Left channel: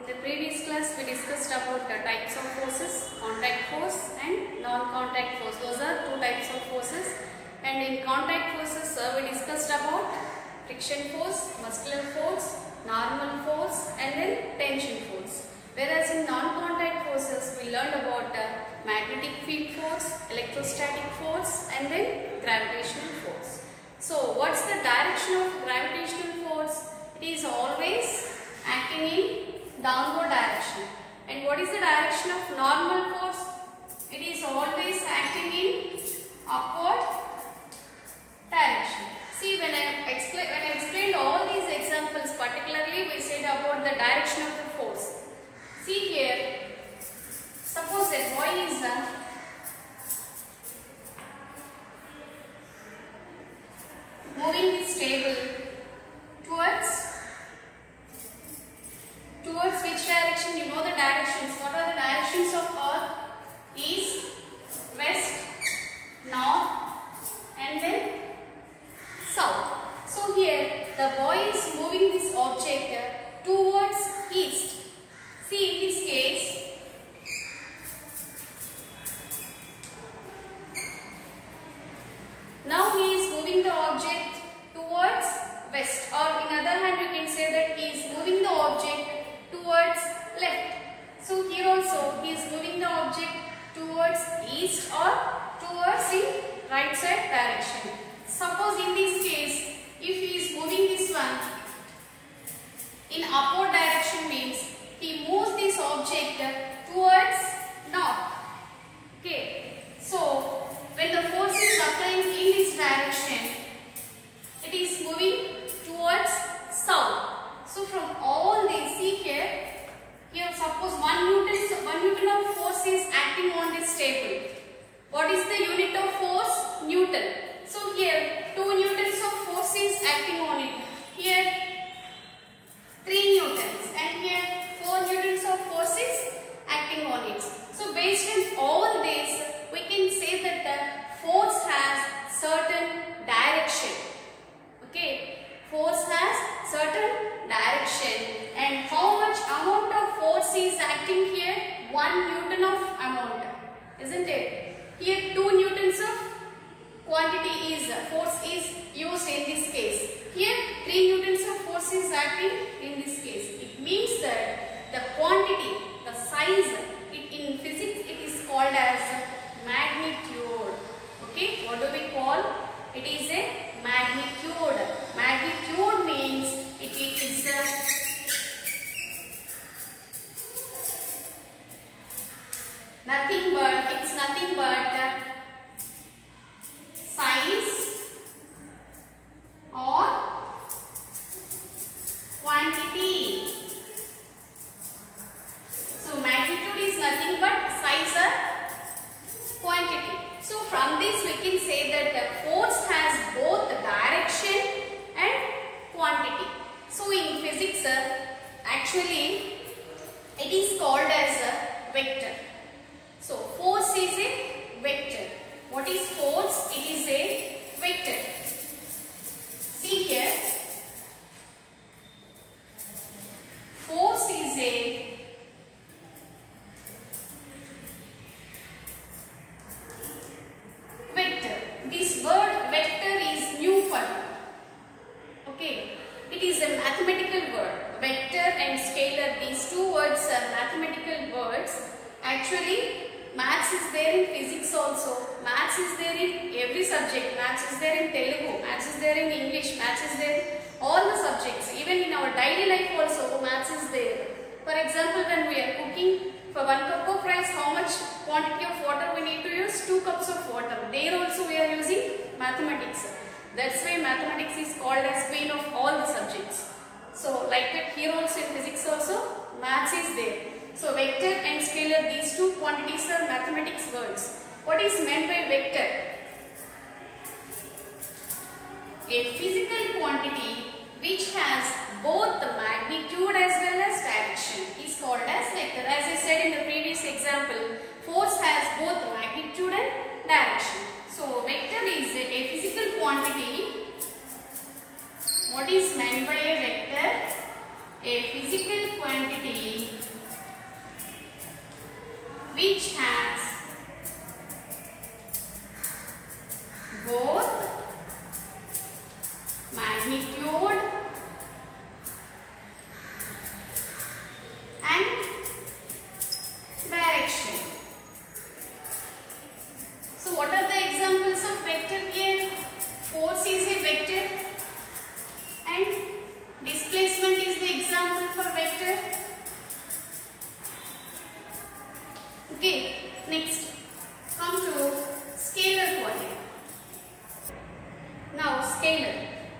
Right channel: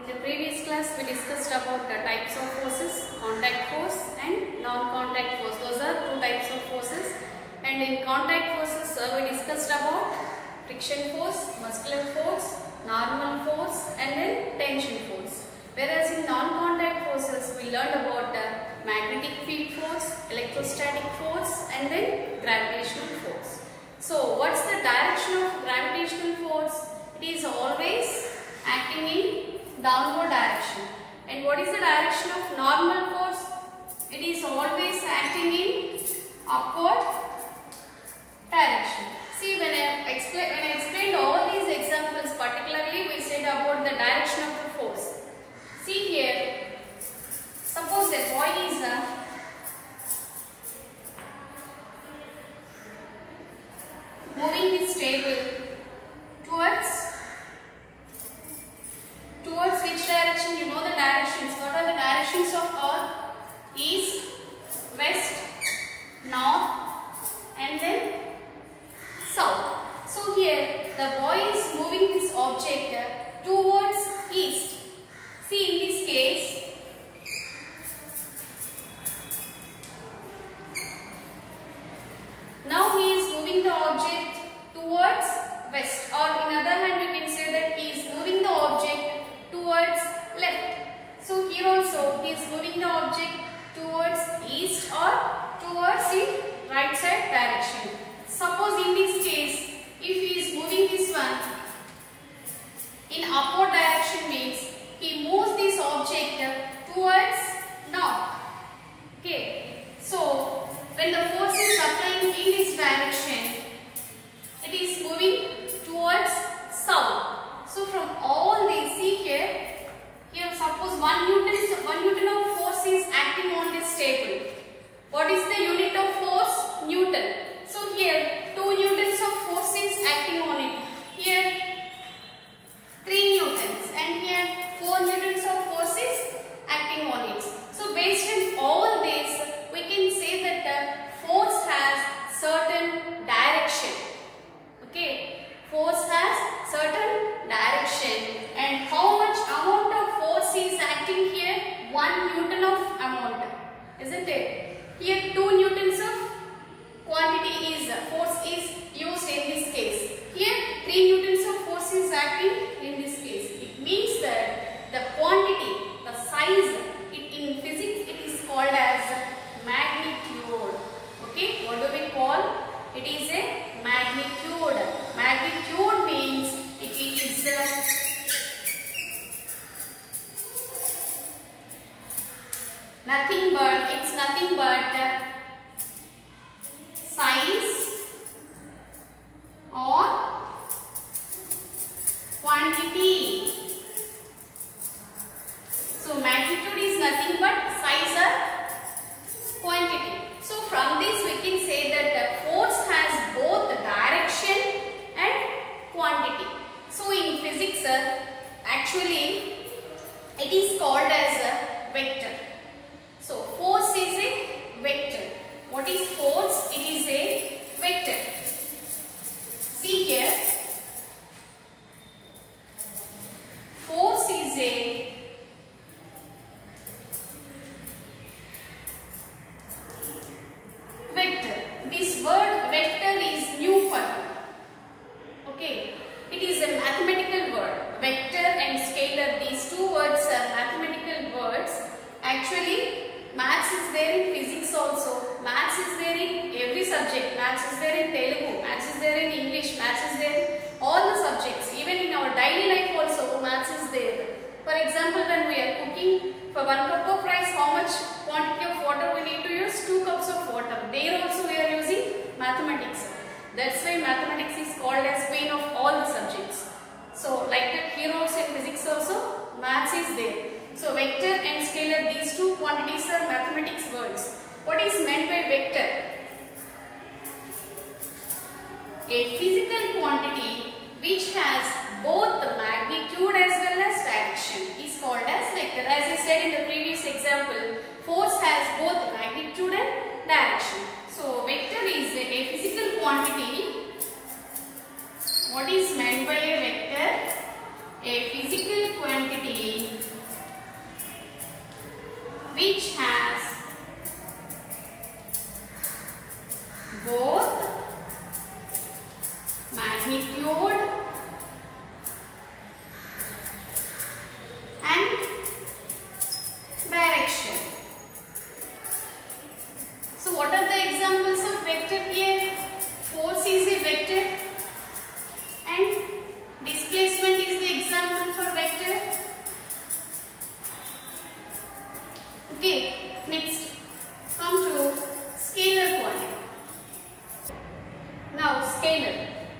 In the previous class, we discussed about the types of forces, contact force and non-contact force. Those are two types of forces. And in contact forces, we discussed about friction force, muscular force, normal force and then tension force. Whereas in non-contact forces, we learned about magnetic field force, electrostatic force and then gravitational force. So, what's the direction of gravitational force? It is always acting in downward direction. And what is the direction of normal force? It is always acting in upward direction. See, when I explained all these examples, particularly we said about the direction of the force. See here, suppose a boy is moving this table towards which direction? You know the directions. What are the directions of earth? East, west, north and then south. So here the boy is moving this object towards east. See, in this case, now he is moving the object towards west, or in other hand we can say that he is moving the object towards left. So here also he is moving the object towards east or towards the right side direction. Suppose in this case, if he is moving this one in upward direction, means he moves this object towards north. Okay. So when the force is applying in this direction, it is moving towards south. So from all these, see here suppose 1 Newton of force is acting on this table. What is the unit of force? Newton. So here 2 Newtons of force is acting on it. Here 3 Newtons and here 4 Newtons of force is acting on it. So based on all this, we can say that the force has certain direction. Okay, force has certain direction, and how much amount of force is acting here? 1 Newton of amount, isn't it? Here 2 Newtons of quantity is force is used in this case. Here 3 Newtons of force is acting in this case. It means that the quantity, the size, in physics it is called as magnitude. Okay, what do we call? It is a magnitude. Magnitude means it is nothing but size or quantity. So magnitude is nothing but size or quantity. So from this we can say that the force has both direction and quantity. So in physics actually it is called as a vector. So force is a vector. What is force? It is a vector. See here, force is a vector. This word vector is new for you. Okay, it is a mathematical word. Vector and scalar, these two words are mathematical words. Actually, maths is there in physics also. Maths is there in every subject. Maths is there in Telugu. Maths is there in English. Maths is there in all the subjects. Even in our daily life also, maths is there. For example, when we are cooking, for 1 cup of rice, how much quantity of water we need to use? 2 cups of water. There also we are using mathematics. That's why mathematics is called as queen of all the subjects. So like that here also in physics also, maths is there. So vector and scalar, these two quantities are mathematics words. What is meant by vector? A physical quantity which has both the magnitude as well as direction is called as vector. As I said in the previous example, force has both the magnitude and direction. So vector is a physical quantity. What is meant by a vector? A physical quantity which has both magnitude and direction. So what are the examples of vector here? Force is a vector and displacement is the example for vector. Okay, next come to scalar quantity. Now scalar.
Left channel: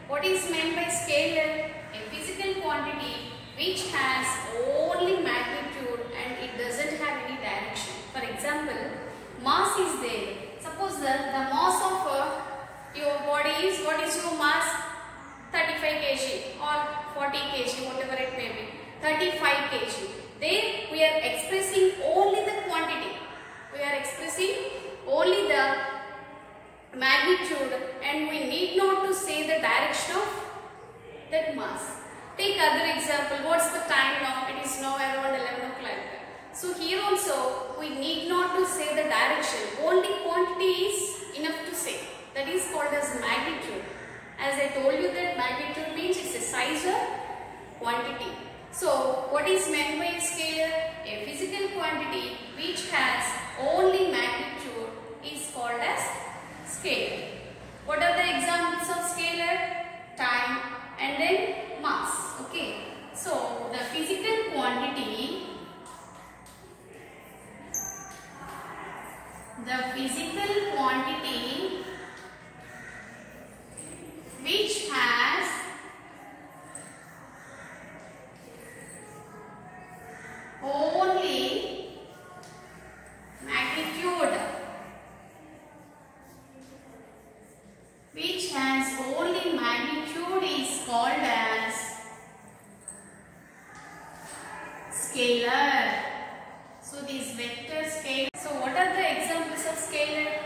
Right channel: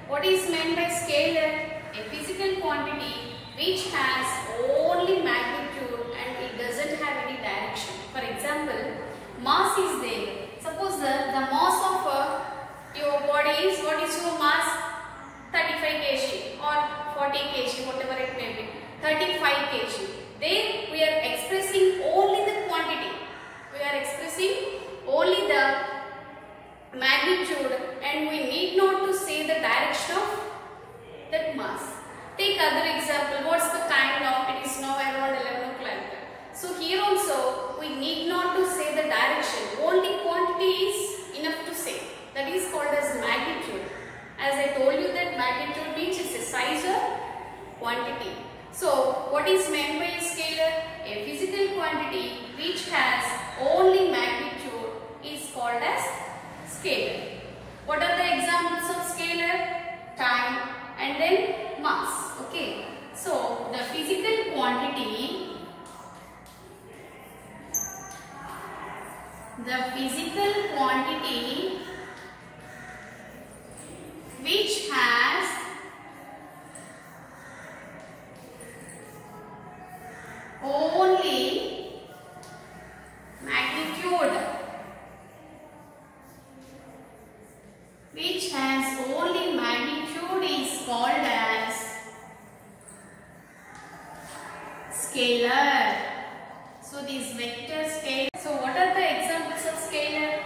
What is meant by scalar? A physical quantity which has only magnitude and it doesn't have any direction. For example, mass is there. Suppose the mass of your body is, what is your mass? 35 kg or 40 kg, whatever it may be. 35 kg. There we are expressing only the quantity. We are expressing only the magnitude and we need not to say the direction of that mass. Take other example. What's the time now? It is now around 11 o'clock. So here also we need not to say the direction. Only quantity is enough to say. That is called as magnitude. As I told you that magnitude means it's a size or quantity. So what is meant by a scalar? A physical quantity which has only magnitude is called as scalar. What are the examples of scalar? Time and then mass. Okay. So the physical quantity which has only magnitude is called as scalar. So these vector scalar. So what are the examples of scalar?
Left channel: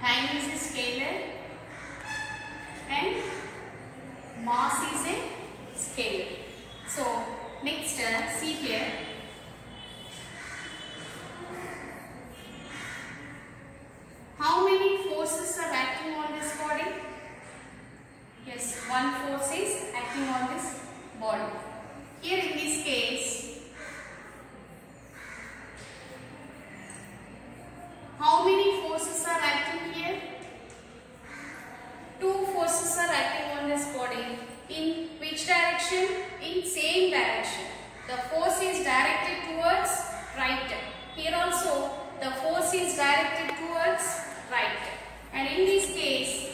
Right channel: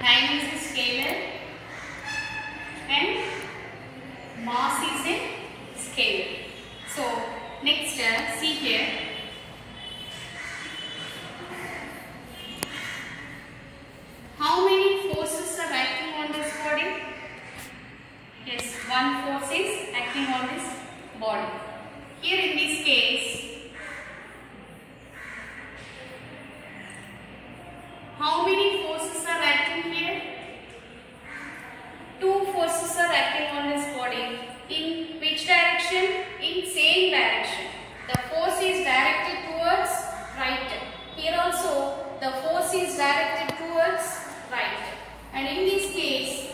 Time is a scalar and mass is a scalar. So next see here. How many forces are acting on this body? Yes, one force is acting on this body. Here in this case, how many forces are acting here? Two forces are acting on this body. In which direction? In same direction. The force is directed towards right. Here also the force is directed towards right. And in this case,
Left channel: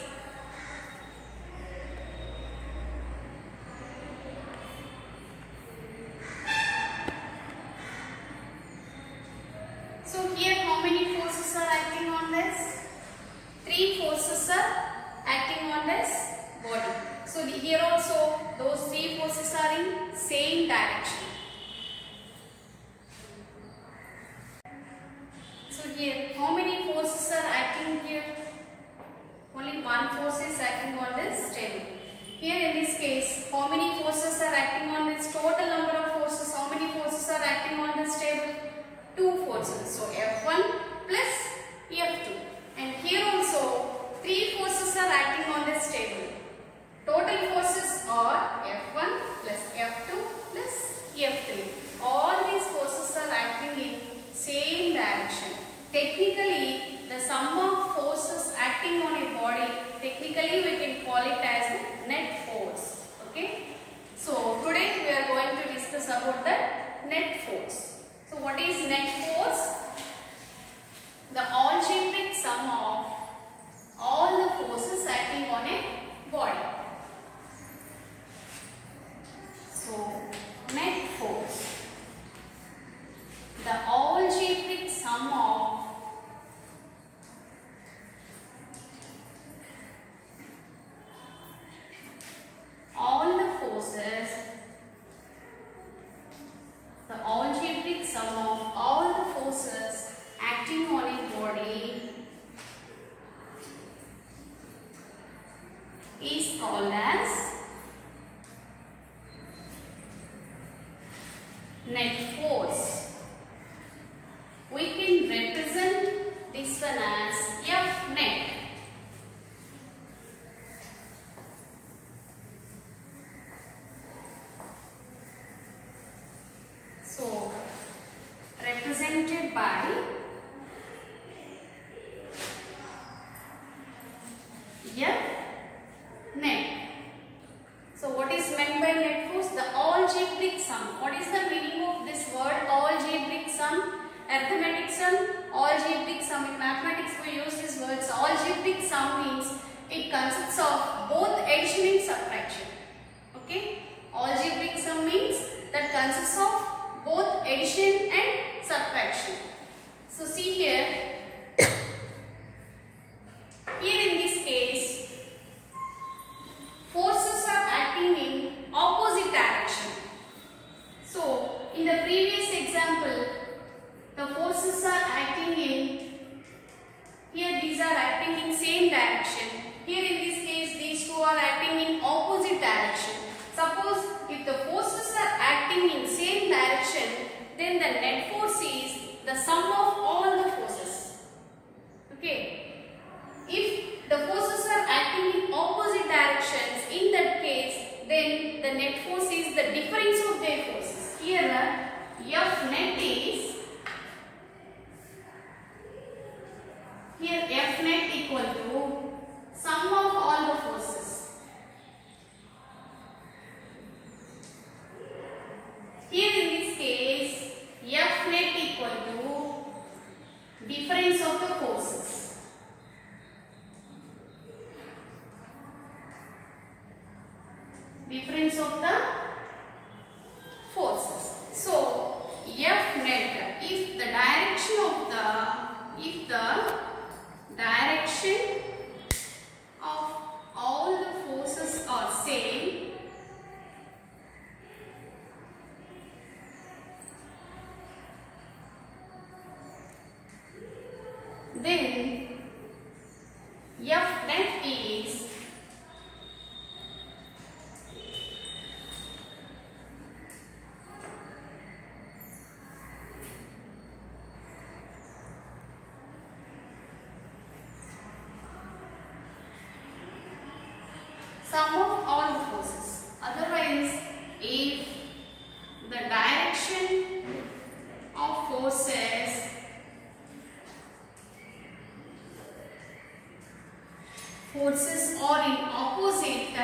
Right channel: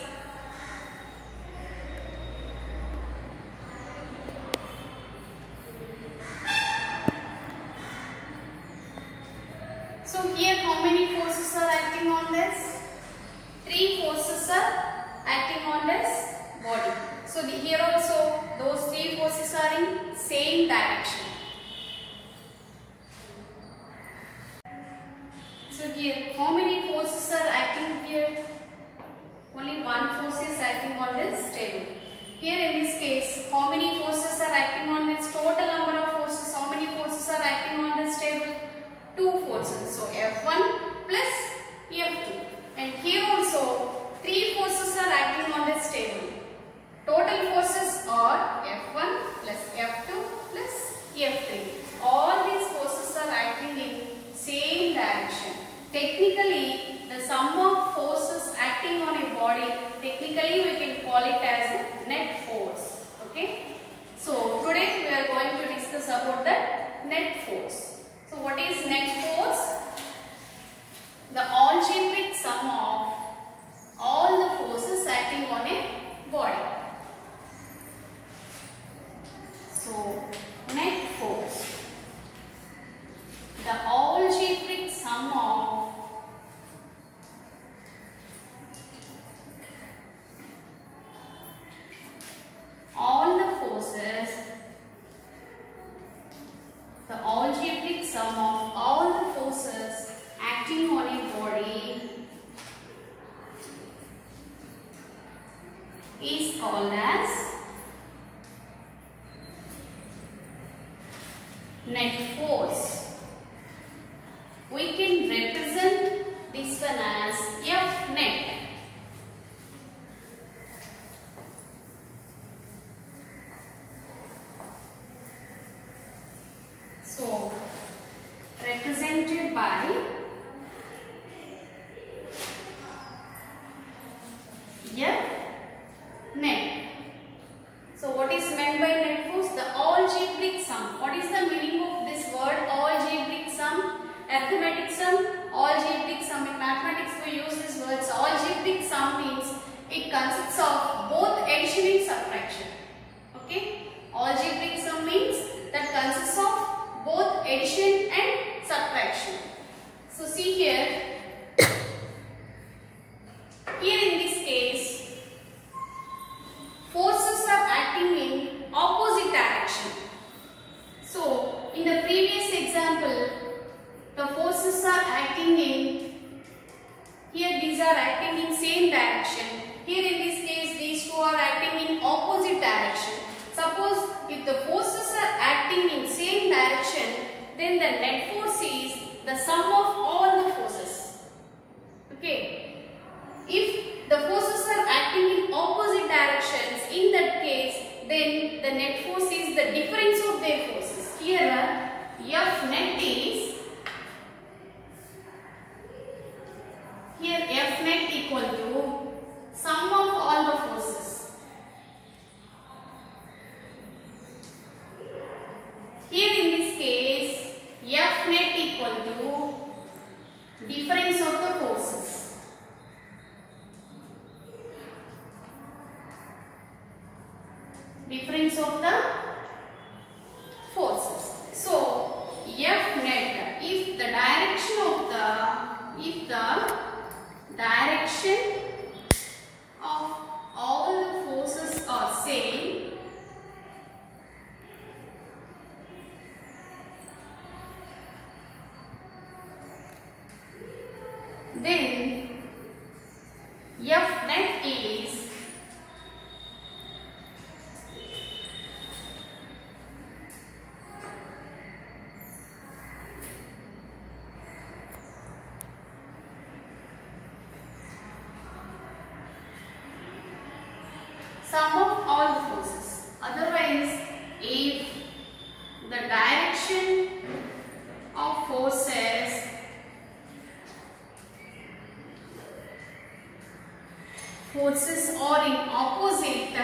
so here how many forces are acting on this? Three forces are acting on this body. So here also those three forces are in same direction. So here how many forces are acting here? Only one force is acting on this table. Here in this case, how many forces are acting on this? Total number of forces. How many forces are acting on this table? Two forces. So F1 plus F2. And here also three forces are acting on this table. Total forces are F1 plus F2 plus F3. All these forces are acting in same direction. Technically, the sum of forces acting on a body, technically we can call it as the net force. Okay. So today we are going to discuss about the net force. So what is net force? The algebraic sum of all the forces acting on a body. So net force, the algebraic sum of all the forces, the algebraic sum of all the forces is called as net force. We can represent this one as F net. So, represented by F net. So, what is meant by net force? The algebraic sum. What is the meaning of this word algebraic sum? Arithmetic sum, algebraic sum. In mathematics we use these words. Algebraic sum means it consists of both addition and subtraction. Okay? Algebraic sum means that consists of both addition and subtraction. So see here, here in this case, forces are acting in opposite direction. So in the previous example, the forces are acting in, here these are acting in same direction. Here in this case, these two are acting in opposite direction. Suppose if the forces are acting in same direction, then the net force is the sum of all the forces. Okay. If the forces are acting in opposite directions, in that case, then the net force is the difference of their forces. Here, F net is, here F net equal to sum of all the forces. Here in this case, F net equal to difference of the forces. Difference of the forces. So, F net, if the direction of all the forces are same, then F net is sum of all the forces. Otherwise, if the direction of forces are in opposite,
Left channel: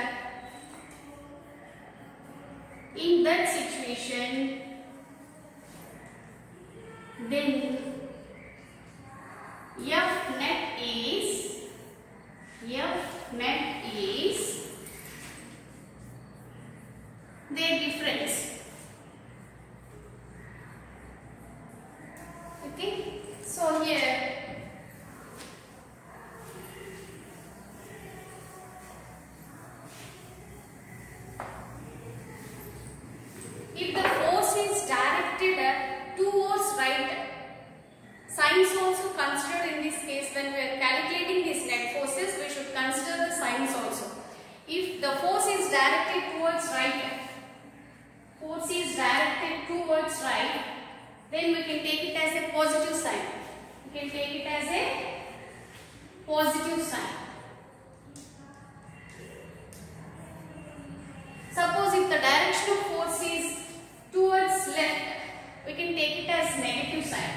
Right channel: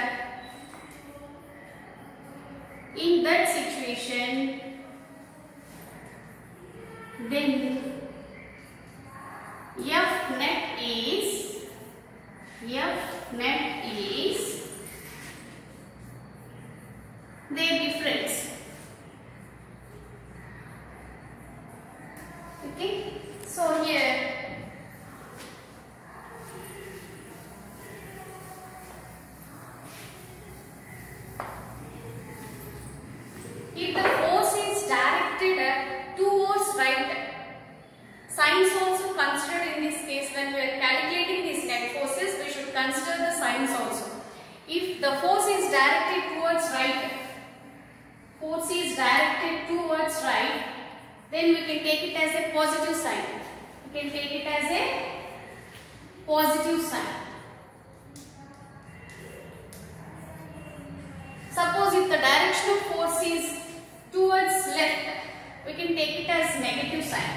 in that situation, then F net is their difference. Okay, so here if the force is directed towards right, signs also considered in this case. When we are calculating these net forces, we should consider the signs also. If the force is directed towards right, then we can take it as a positive sign. We can take it as a positive sign. Suppose if the direction of force is towards left, we can take it as negative sign.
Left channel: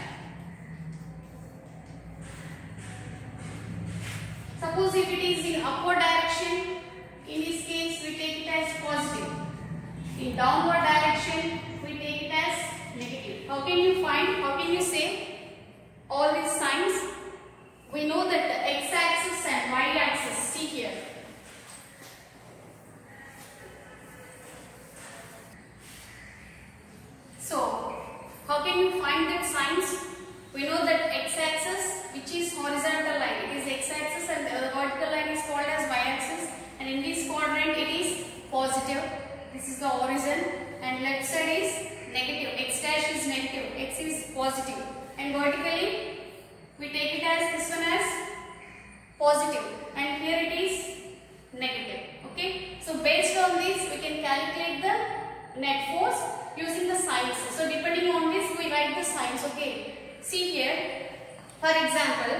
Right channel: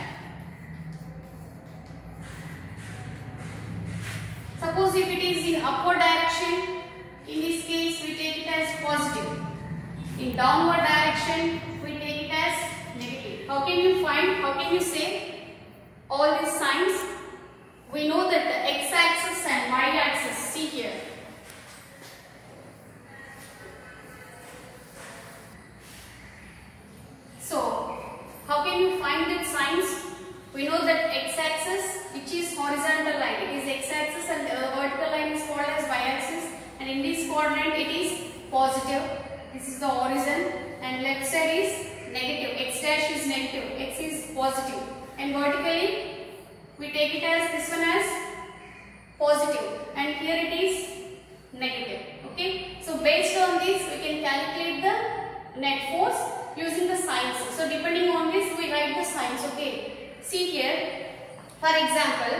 Suppose if it is in upward direction, in this case we take it as positive. In downward direction, we take it as negative. How can you say all these signs? We know that the x-axis and y-axis, see here. So, how can you find the signs? We know that x-axis, which is horizontal line, it is x-axis, and the vertical line is called as y-axis, and in this quadrant it is positive. This is the horizon, and left side is negative. X dash is negative, x is positive, and vertically we take it as this one as positive, and here it is negative. Okay. Okay, so based on this we can calculate the net force using the signs. So depending on this we write the signs. Okay, see here, for example,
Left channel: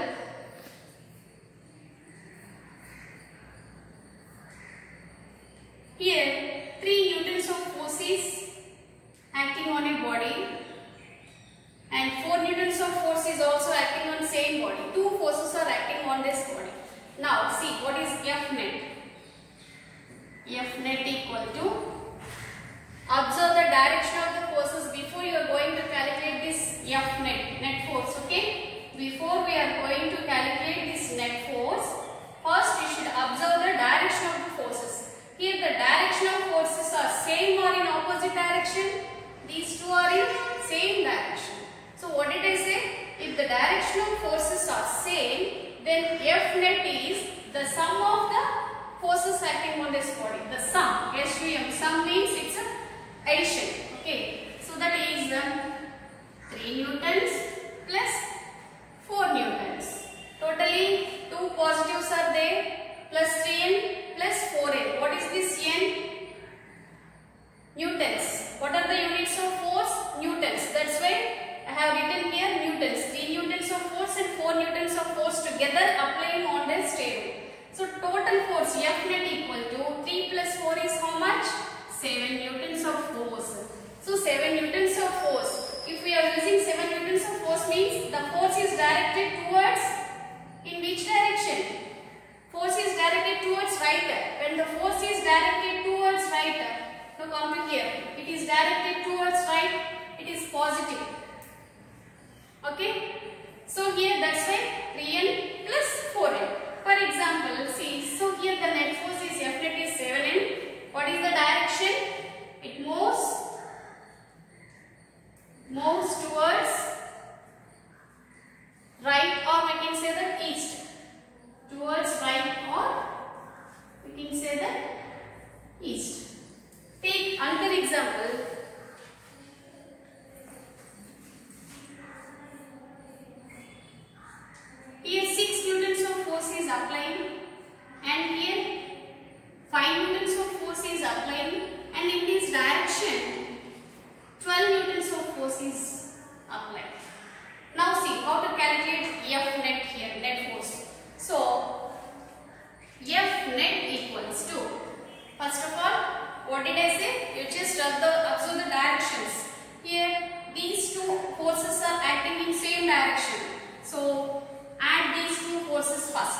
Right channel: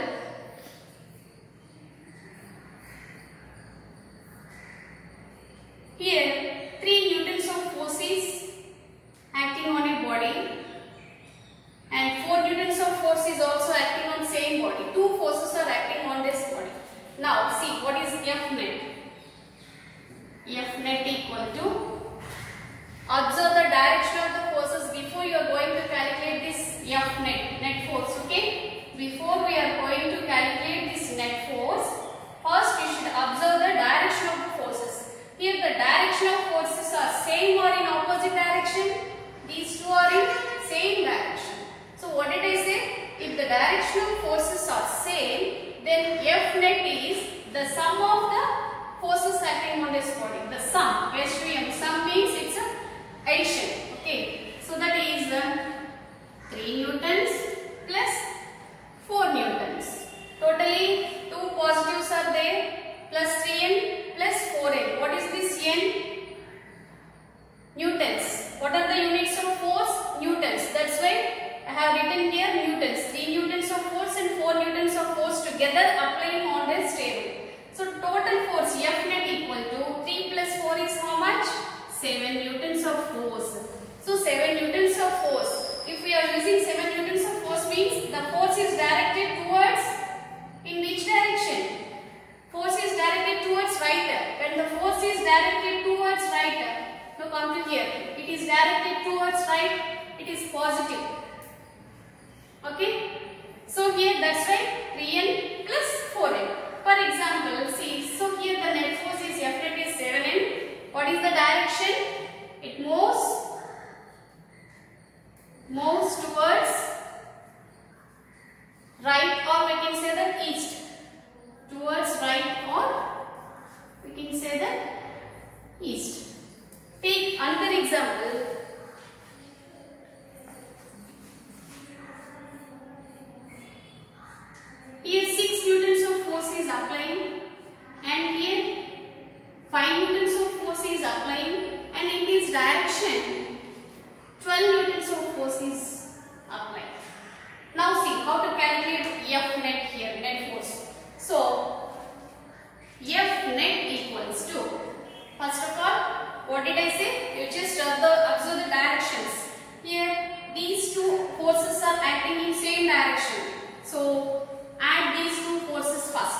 here 3 newtons of force is acting on a body and 4 newtons of force is also acting on same body. Two forces are acting on this body. Now see what is F net. F net equal to, observe the direction of the forces before you are going to calculate this F net force. Okay, before we are going to calculate this net force, first you should observe the direction of the forces. Here the direction of forces are same or in opposite direction. These two are in same direction. So what did I say? If the direction of forces are same, then F net is the sum of the forces acting on this body. The sum, SUM, sum means it's a addition. Okay, so that is 3 newtons plus 4 newtons. Totally 2 positives are there, plus 3n plus 4n. What is this n? Newtons. What are the units of force? Newtons. That's why I have written here newtons. 3 newtons of force and 4 newtons of force together applying on this table. So total force F net equal to 3 plus 4 is how much? 7 newtons of force. So 7 newtons of force. If we are using 7 newtons of force means the force is directed towards, in which direction? Force is directed towards right. When the force is directed towards right, now come to here. It is directed towards right. It is positive. Okay. So here that's why 3n plus 4n. For example, see, so here the net force is F net is 7n. What is the direction? It moves towards right, or we can say that east. Towards right, or we can say that east. Take another example. Here 6 newtons of force is applying and here 5 newtons of force is applying, and in this direction 12 newtons of force is applied. Now see how to calculate F net here, net force. So F net equals to, first of all, what did I say? You just observe the directions. Here these two forces are acting in same direction. So add these two forces first.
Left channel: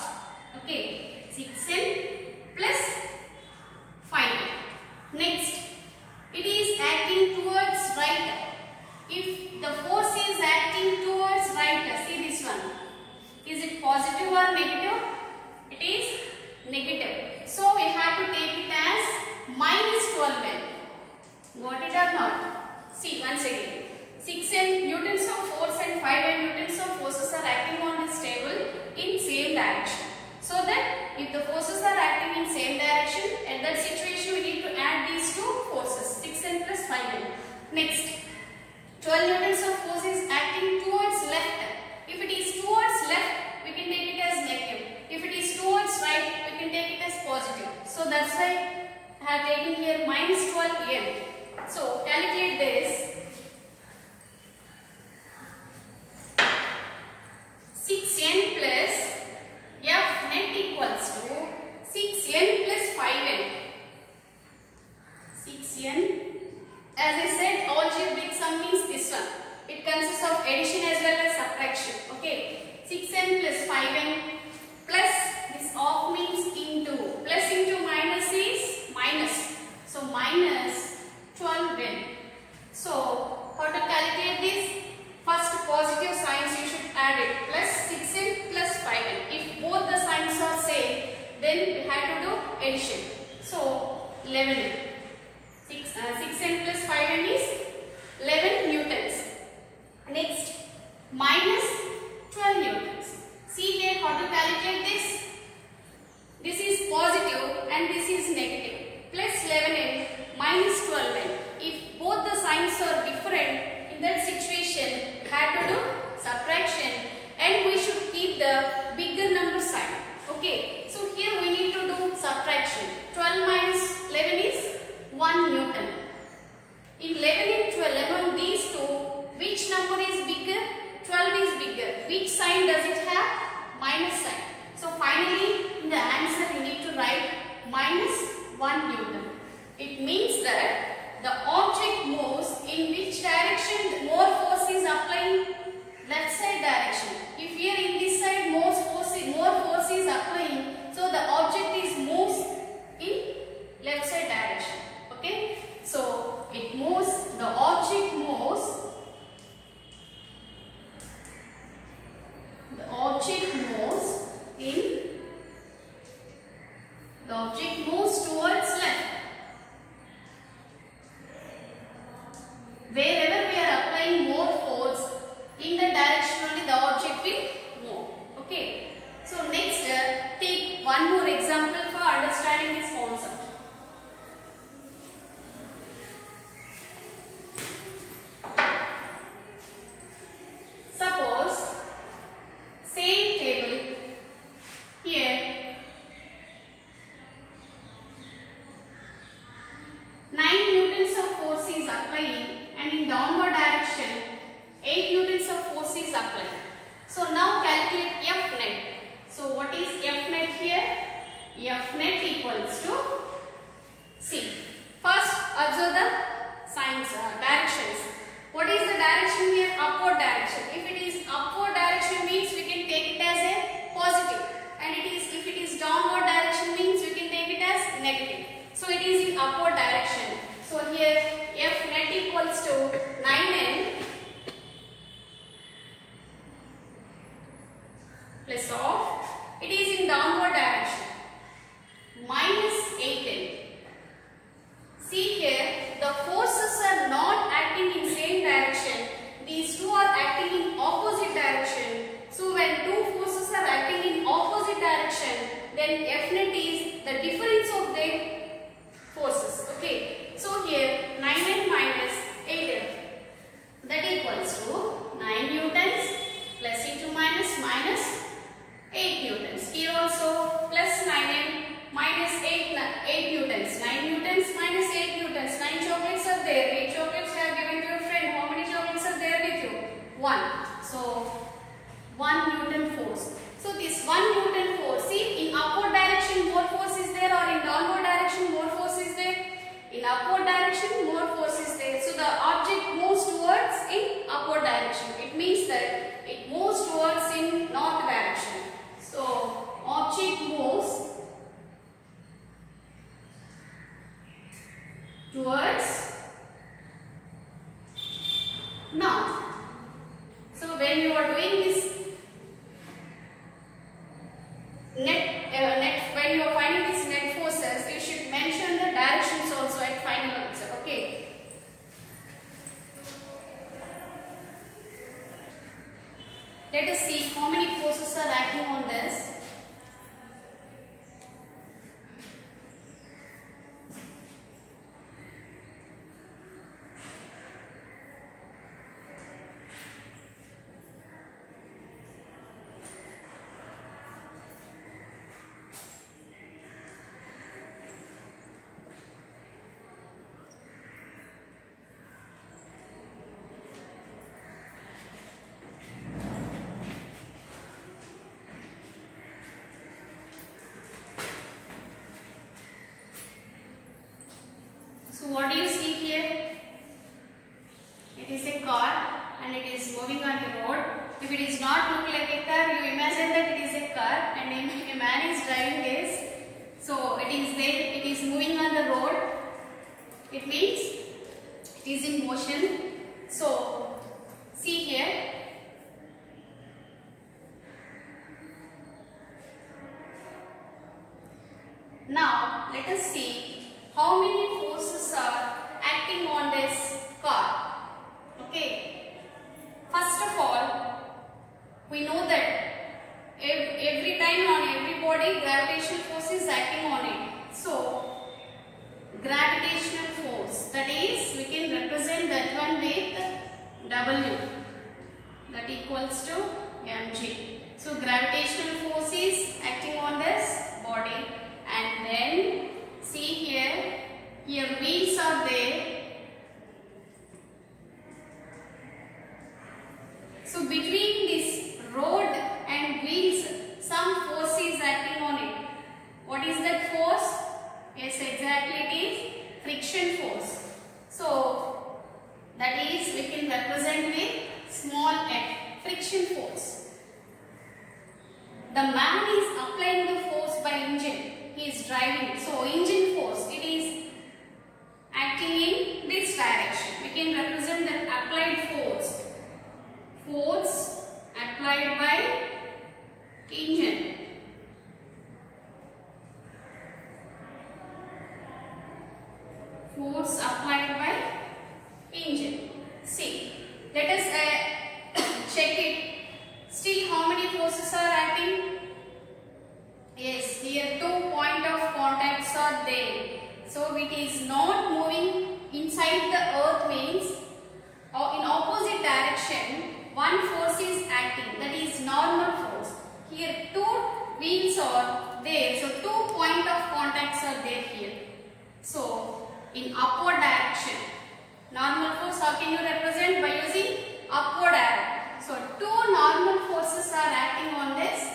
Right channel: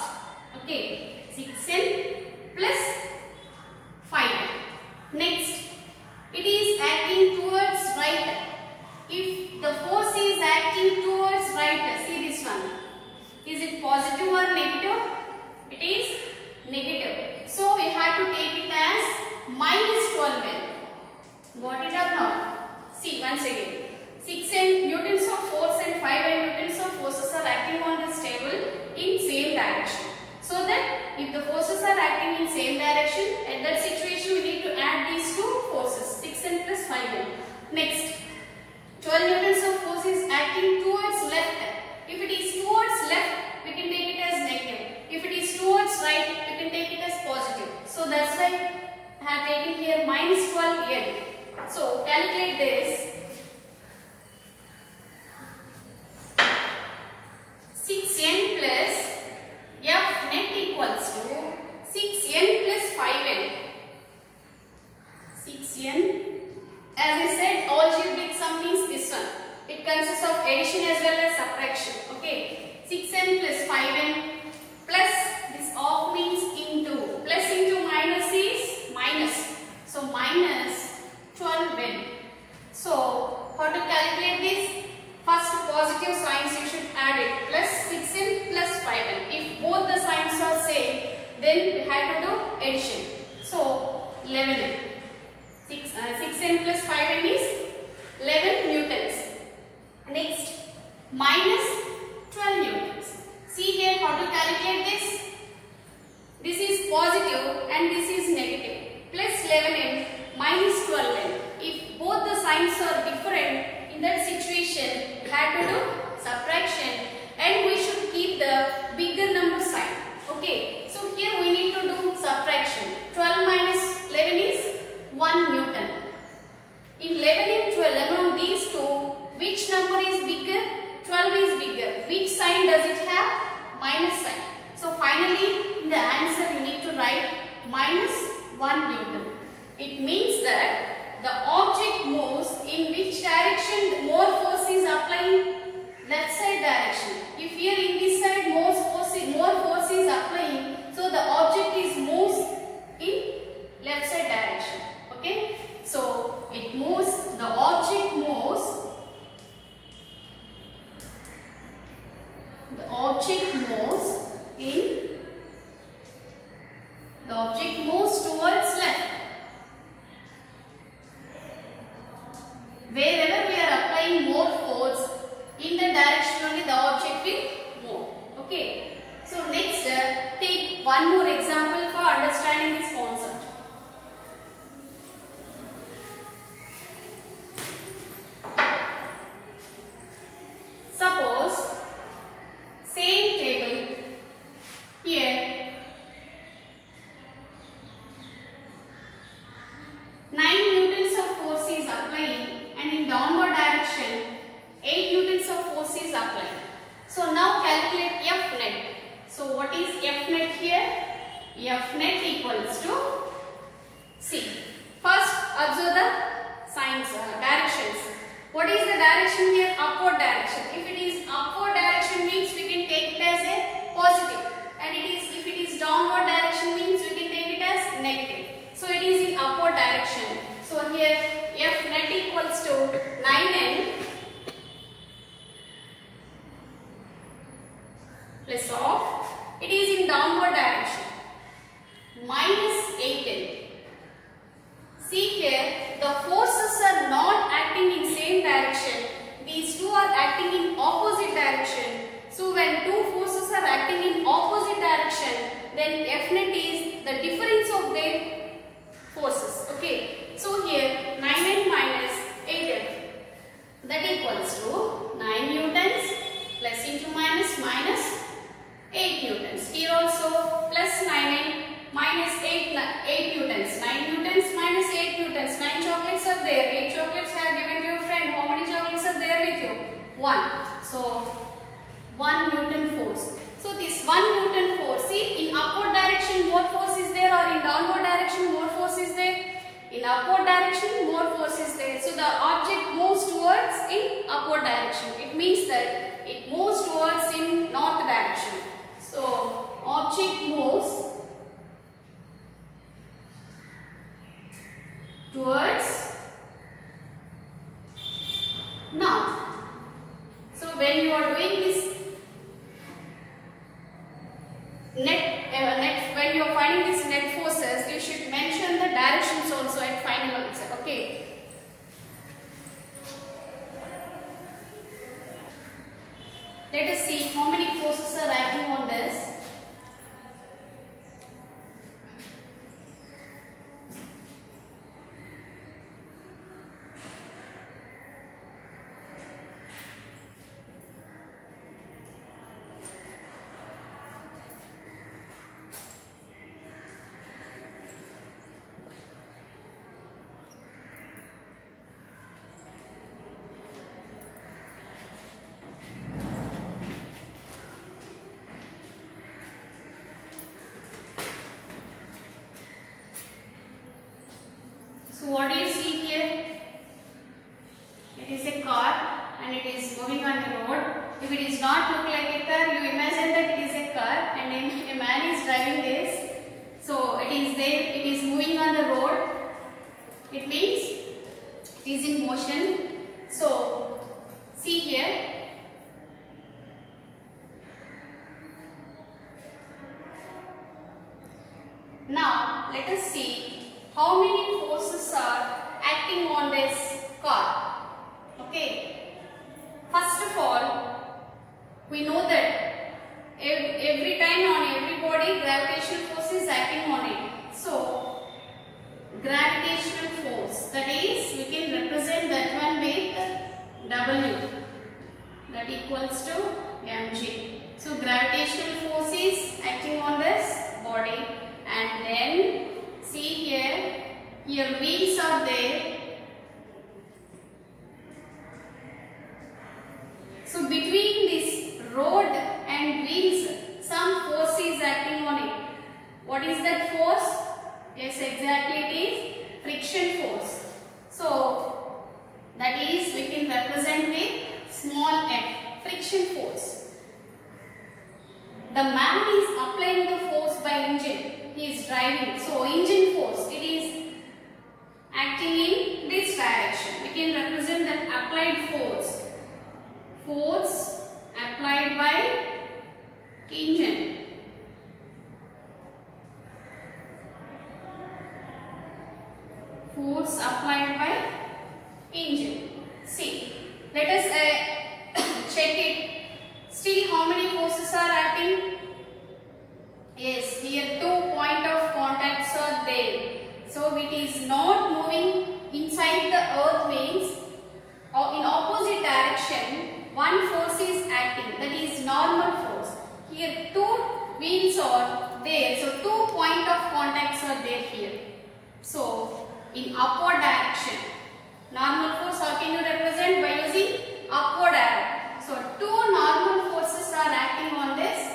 Okay, 6n plus 5n. Next, it is acting towards right. If the force is acting towards right, see this one. Is it positive or negative? It is negative. So we have to take it as minus 12n. Got it or not? See once again. 6n newtons of force and 5n newtons of forces are acting on this table in same direction. So that if the forces are acting in same direction, at that situation we need to add these two forces, 6n plus 5n. Next, 12 newtons of force is acting towards left. If it is towards left, we can take it as negative. If it is towards right, we can take it as positive. So that's why I have taken here minus 12n. So calculate this. 6n plus F net equals to 6n plus 5n. 6n, as I said, algebraic sum means this one. It consists of addition as well as subtraction. Okay, 6n plus 5n plus this off means into. Plus into minus is minus. So minus 12n. So how to calculate this? First positive signs you should add it, plus 6n plus 5n. If both the signs are same, then we have to do addition. So 11n. 6n plus 5n is 11 newtons. Next, minus 12 newtons. See here how to calculate this. This is positive and this is negative. Plus 11n minus 12n. If both the signs are different, in that situation, we have to do subtraction and we should keep the bigger number sign. Okay, so here we need to do subtraction. 12 minus does it have? Minus sign. So finally in the answer you need to write minus 1 Newton. It means that the object moves in which direction more force is applying? Left side direction. If here in this side more force is applying, so the object is moves in left side direction. Okay, so it moves, the object moves towards left. Wherever we are applying more force, in the direction only the object will move. Okay. So next, take one more example for understanding this concept. Suppose same table here, 9 newtons of force is applying, and in downward direction 8 newtons of force is applied. So now calculate F net. So what is F net here? F net equals to, see, first observe the signs, directions. What is the direction here? Upward direction. If it is upward direction means we can take it as a positive, and if it is downward direction means we can take it as negative. So it is in upward direction. So here F net equals to 9n plus of, it is in downward direction, minus 8n. See here, the forces are not acting in same direction. These two are acting in opposite direction. So when two forces are acting in opposite direction, then F net is the difference of their forces. Okay. So here 9n minus 8n, that equals to 9 newtons plus into minus 8 newtons. Here also plus 9n minus 8 newtons. 9 newtons minus 8 newtons. 9 chocolates are there. 8 chocolates are given to your friend. How many chocolates are there with you? 1. So 1 Newton force. So this 1 Newton force, see, in upward direction more force is there, or in downward direction more force is there? In upward direction more force is there. So the object moves towards in upward direction. It means that it moves towards in north direction. So object moves towards north. So when you are doing this when you are finding these net forces, you should mention the directions also at final answer. Okay. Let us see how many forces are acting on this. So what do you see here? It is a car and it is moving on the road. If it is not look like a car, you imagine that it is a car, and if a man is driving this, so it is there, it is moving on the road. It means it is in motion. So see here. Now let us see how many forces are acting on this car. Okay. First of all, we know that every time on every body gravitational force is acting on it. So gravitational force, that is, we can represent that one with W, that equals to mg. So gravitational force is acting on this body, and then see here wheels are there. So between this road Yes, exactly, it is friction force. So that is we can represent with small f, friction force. The man is applying the force by engine. He is driving. So engine force, it is acting in this direction. We can represent that applied force. Force applied by engine. Force applied by engine. See, let us check it. Still, how many forces are acting? Yes, here 2 point of contacts are there. So it is not moving inside the earth means or in opposite direction. One force is acting, that is normal force. Here 2 wheels are there. So 2 point of contacts are there here. So in upward direction. Normal force, how can you represent? By using upward arrow. So 2 normal forces are acting on this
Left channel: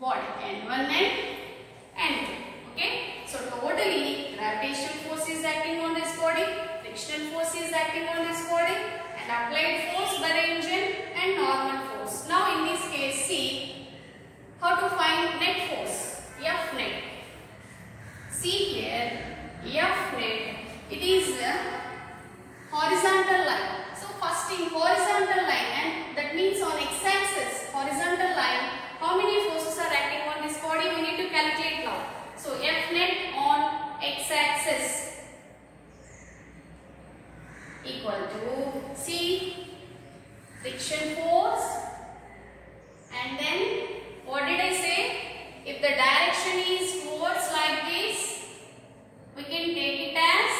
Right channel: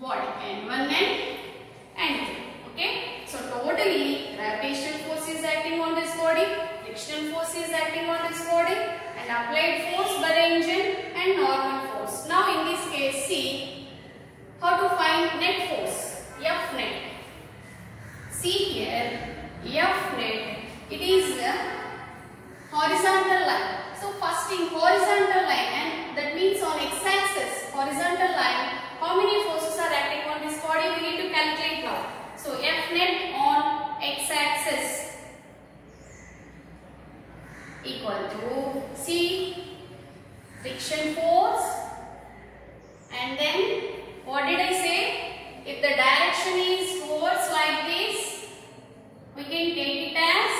body, N1 and N2. Okay. So totally gravitational force is acting on this body, frictional force is acting on this body, and applied force by the engine and normal force. Now in this case, see how to find net force, F net. See here, F net, it is a horizontal line. So first in horizontal line, and that means on x-axis, horizontal line, how many forces are acting on this body? We need to calculate now. So F net on x-axis equal to, see, friction force, and then what did I say? If the direction is towards like this, we can take it as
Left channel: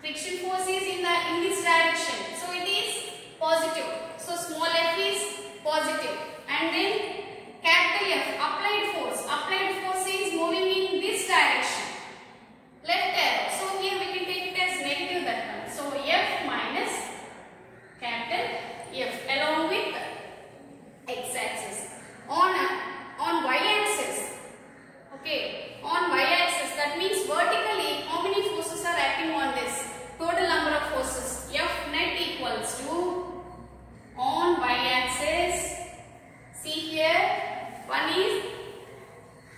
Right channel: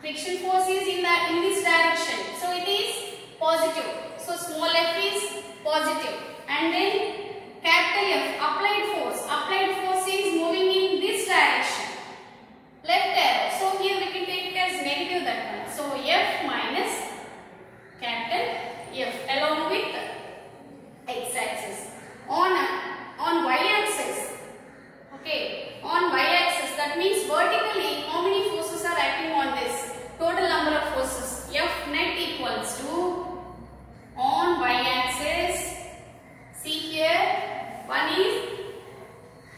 friction force is in this direction. So it is positive. So small f is positive. And then capital F, applied force. Applied force is moving in this direction. Left arrow. So here we can take it as negative that one. So F minus capital F along with x-axis. On y-axis. Okay. On y-axis, that means vertically how many forces are acting on this? Total number of forces. F net equals to, on y-axis, see here, one is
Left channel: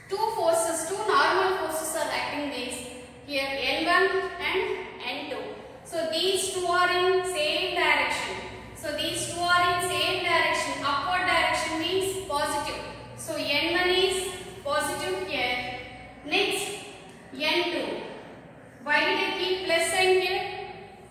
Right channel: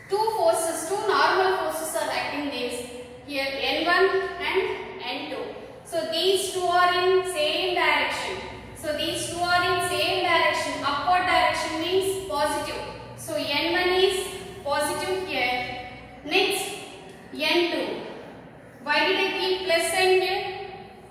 2 forces, 2 normal forces are acting this. Here N1 and N2. So these 2 are in same direction. So these 2 are in same direction. Upward direction means positive. So N1 is positive here. Next N2. Why did I keep plus sign here?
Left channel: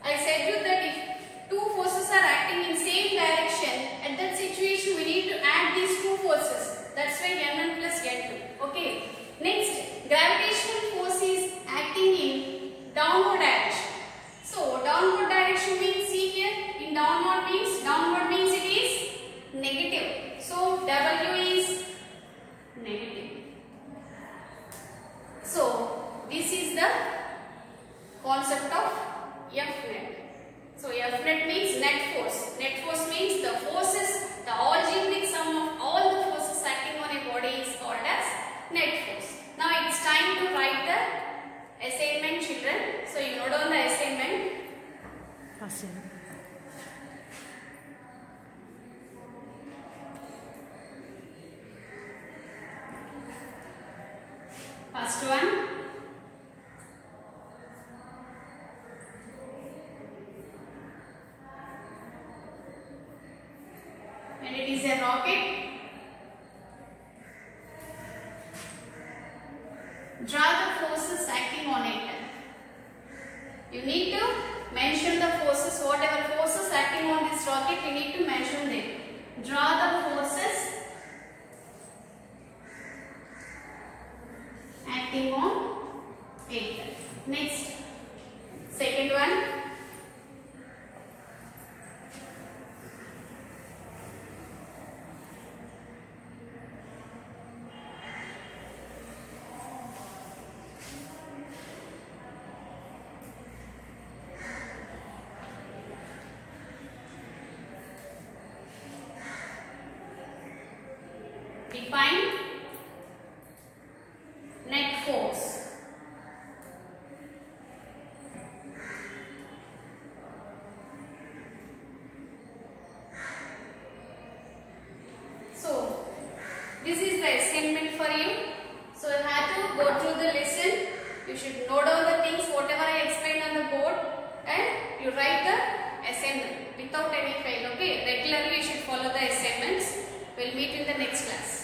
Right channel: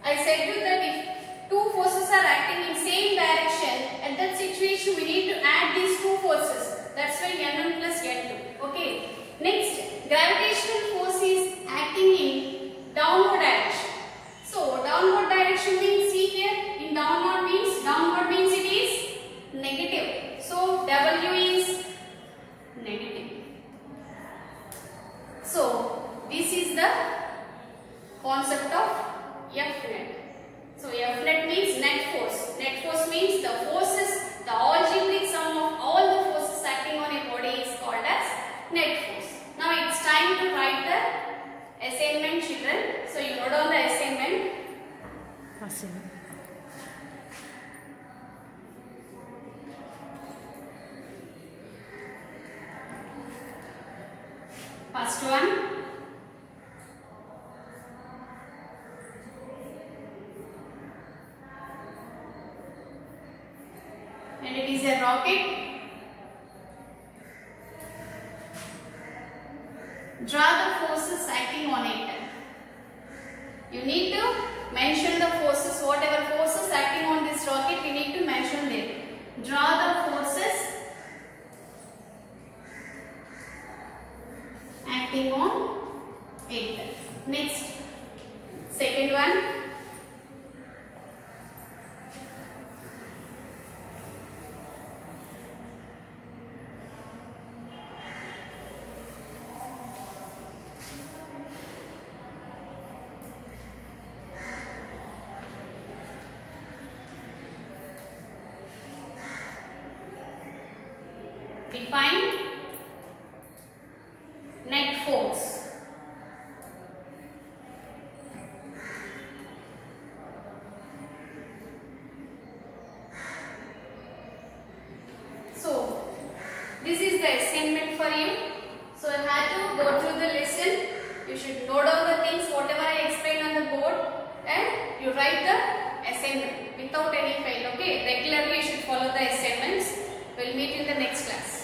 I said you that if 2 forces are acting in same direction, at that situation we need to add these 2 forces. That's why N1 plus N2. Okay. Next, gravitational force is acting in downward direction. So downward direction means, see here, in downward means it is negative. So W is negative. So this is the concept of F net. So F net means net force. Net force means the forces, the algebraic sum of all the forces acting on a body is called as net force. Now it's time to write the assignment, children. So you note down the assignment. First one. And it is a rocket. Draw the forces acting on it. You need to mention the forces, whatever forces acting on this rocket, you need to mention them. Draw the forces acting on it. Next, second one. Define net force. without any fail. Okay, regularly you should follow the assignments. We'll meet in the next class.